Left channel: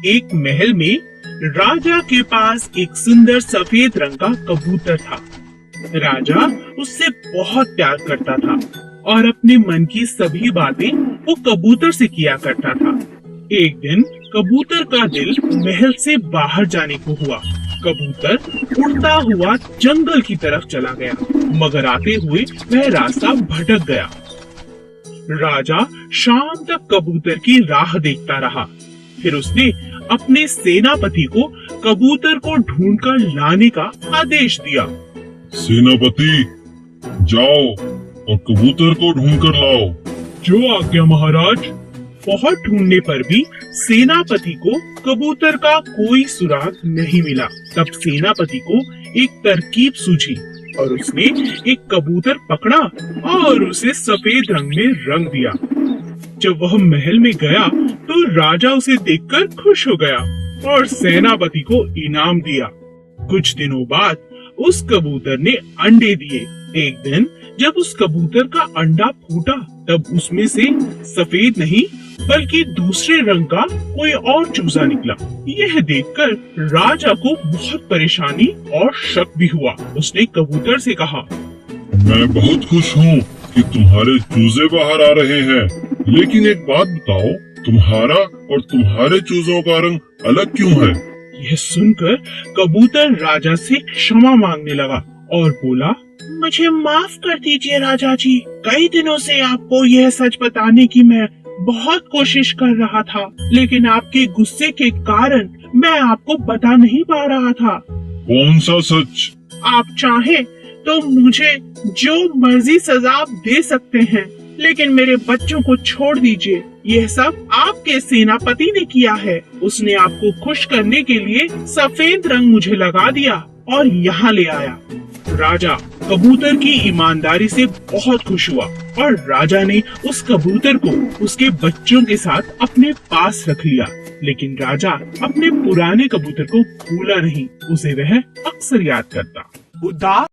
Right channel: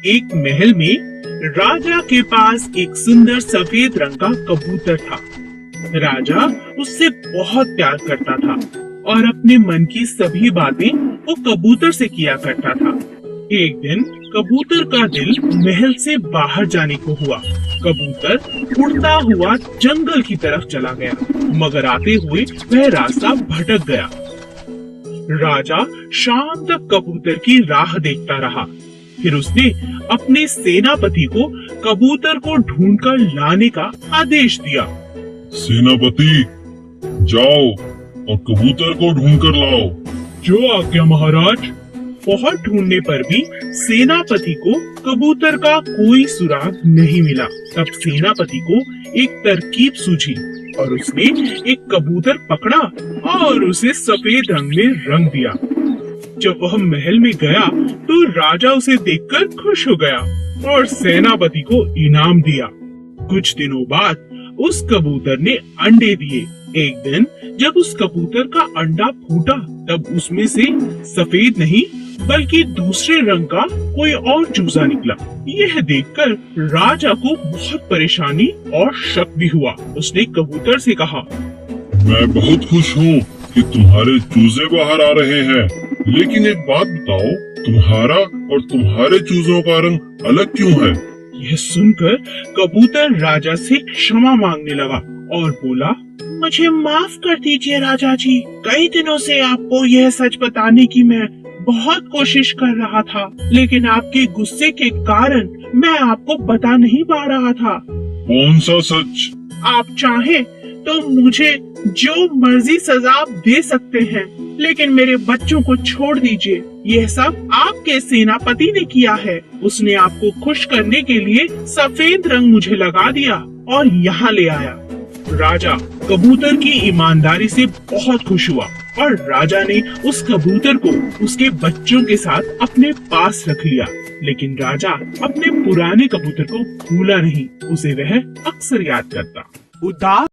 एक महल में राजा के पास एक सुंदर सफेद रंग का कबूतर था। राजा उससे बहुत प्यार करता था और अपने मन की सभी बातें वो कबूतर से किया करता था। एक दिन कबूतर का दिल महल से बाहर जाने को हुआ। कबूतर उड़ता हुआ जंगल की तरफ चला गया, मगर आते हुए वह रास्ता भटक गया। राजा शाम तक कबूतर की राह देखता रहा। फिर उसने अपने सेनापति को कबूतर को ढूंढकर लाने का आदेश दिया। सेनापति, जाओ और कबूतर को ढूंढ कर लाओ। जो आज्ञा महाराज। बहुत ढूंढने पर भी सेनापति को कबूतर का कोई सुराग नहीं मिला। तब सेनापति को एक तरकीब सूझी और उसने एक कबूतर पकड़ा और उसे सफेद रंग में रंग दिया। जब वह महल में गया तो राजा उसे देखकर खुश हो गया और सेनापति को इनाम दिया। कुछ दिनों बाद उस कबूतर ने अंडे दिए। एक दिन जब उस कबूतर का अंडा फूटा तब उसमें से सफेद नहीं बल्कि दूसरे रंग का कोई और चूजा निकला। यह देखकर राजा को बहुत परेशानी और शक भी हुआ। उसने कबूतर से कहा, मैं बहुत खुश हूँ कि तुम्हारे चूजे बाहर आ रहे हैं, लेकिन एक बात बताओ, तुम्हारा और तुम्हारे चूजों का रंग अलग क्यों है? यह सुनकर कबूतर राजा से क्षमा मांगने लगा और बोला, मुझे माफ कर दीजिए राजा जी। कई दिनों से आपको यह सच बताने की मैं बहुत कोशिश कर रहा था, लेकिन आपके गुस्से के कारण मैं आपको बता नहीं पा रहा था। कौन सा सच? आप चाहे तो मुझे जो मर्जी सजा आप दे सकते हैं, लेकिन मेरे बच्चों को छोड़ दीजिए। यह सब आपके सेनापति ने किया है। उसने आपको खुश करने के लिए सफेद रंग मुझे लगा दिया और यहाँ ले आया। राजा कबूतर की ईमानदारी से बहुत खुश हुआ और राजा ने उस कबूतर को उसके बच्चों के साथ अपने पास रख लिया। लेकिन राजा अपने पुराने कबूतर को भूला नहीं, उसे वह अक्सर याद करता। उदास